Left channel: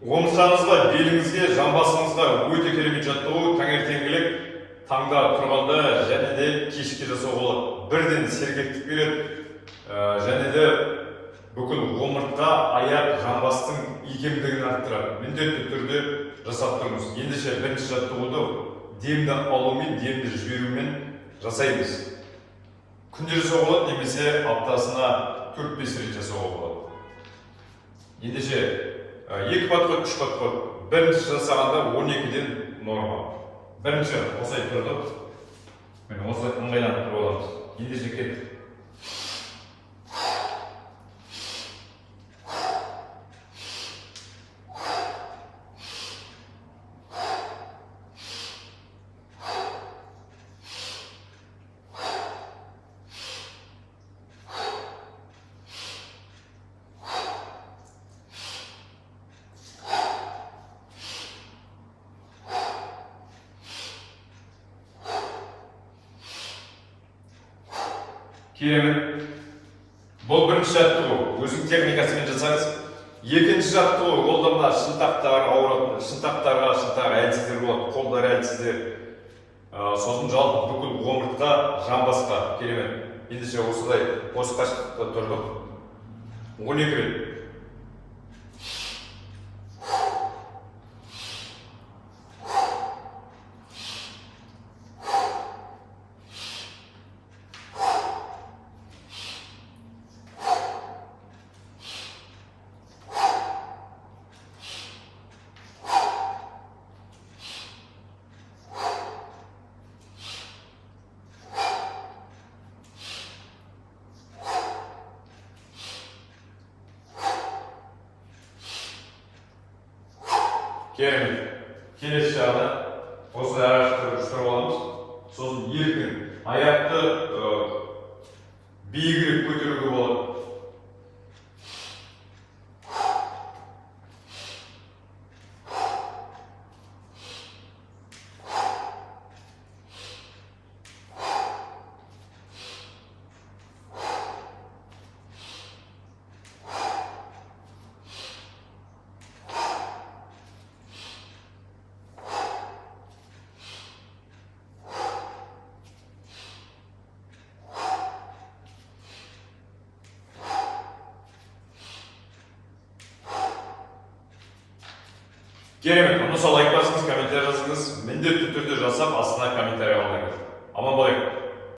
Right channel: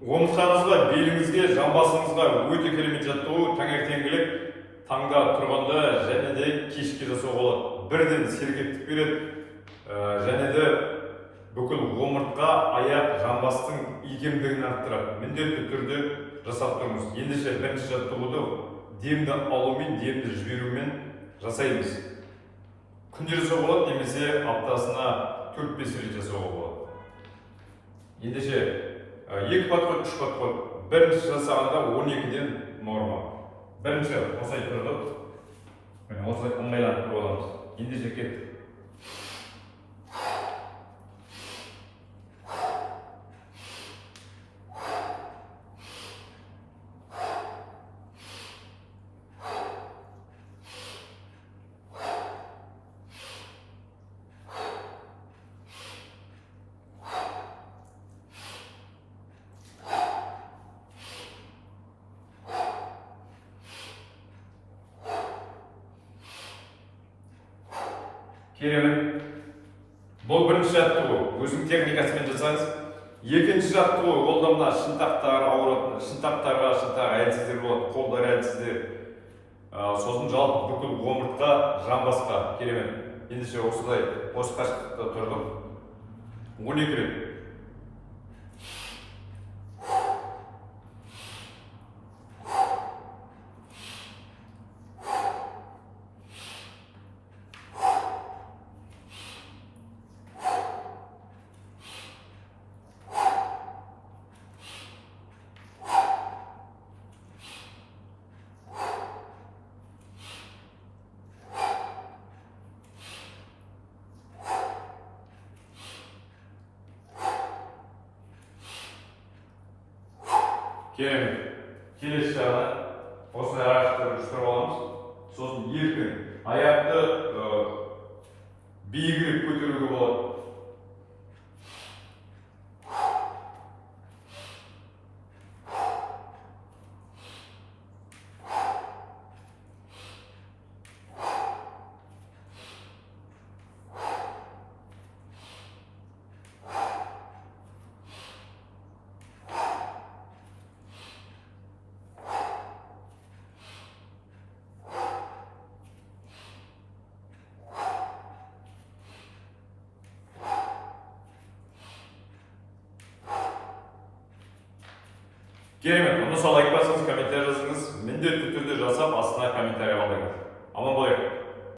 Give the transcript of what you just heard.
омыртқаңызға, беліңізге, жамбасыңызға өте керемет жаттығу. таңертеңгілік таңда тұрғанда және де кешке жасауға болады. Бірден сергектік береді, және де бүкіл омыртқа, аяқ, жамбастың икемдігін арттырады. Міндетті түрде жасап тұрыңыз. Ендеше бірінші жаттығуды демді алумен, демді жіберумен жасаймыз. Күнде жасауға болады, немесе аптасына 4-5 рет жасауға болады. Ендеше 2 подход, 3 подход. Бірінші жасағанда 12-ден норма. Бірінші осылай тұрдық. Осылай ыңғайланып тұрып аламыз. Ендеше кеттік. Керемет. Бұл бірінші жаттығу. Өзің техникасымен жасаңыз. Екінші жаттығу, ол да мына шынтақтар ауыратын, шынтақ әлсіздер болады, қолдар әлсіздер. Сосын жалпы бүкіл омыртқа, жамбасқа. Керемет. Ендеше осылай осы қашықтықта тұрдық. 12 рет. Керемет. Келесі жағы осылай araştırып аламыз. Сосын еркін аяқты биігірек көтеруге болады. Керемет, мұны лайк басыңыз, комментарий жазыңыз, міндетті түрде жасап астына комментарий қалдырыңыз. Аман болайық.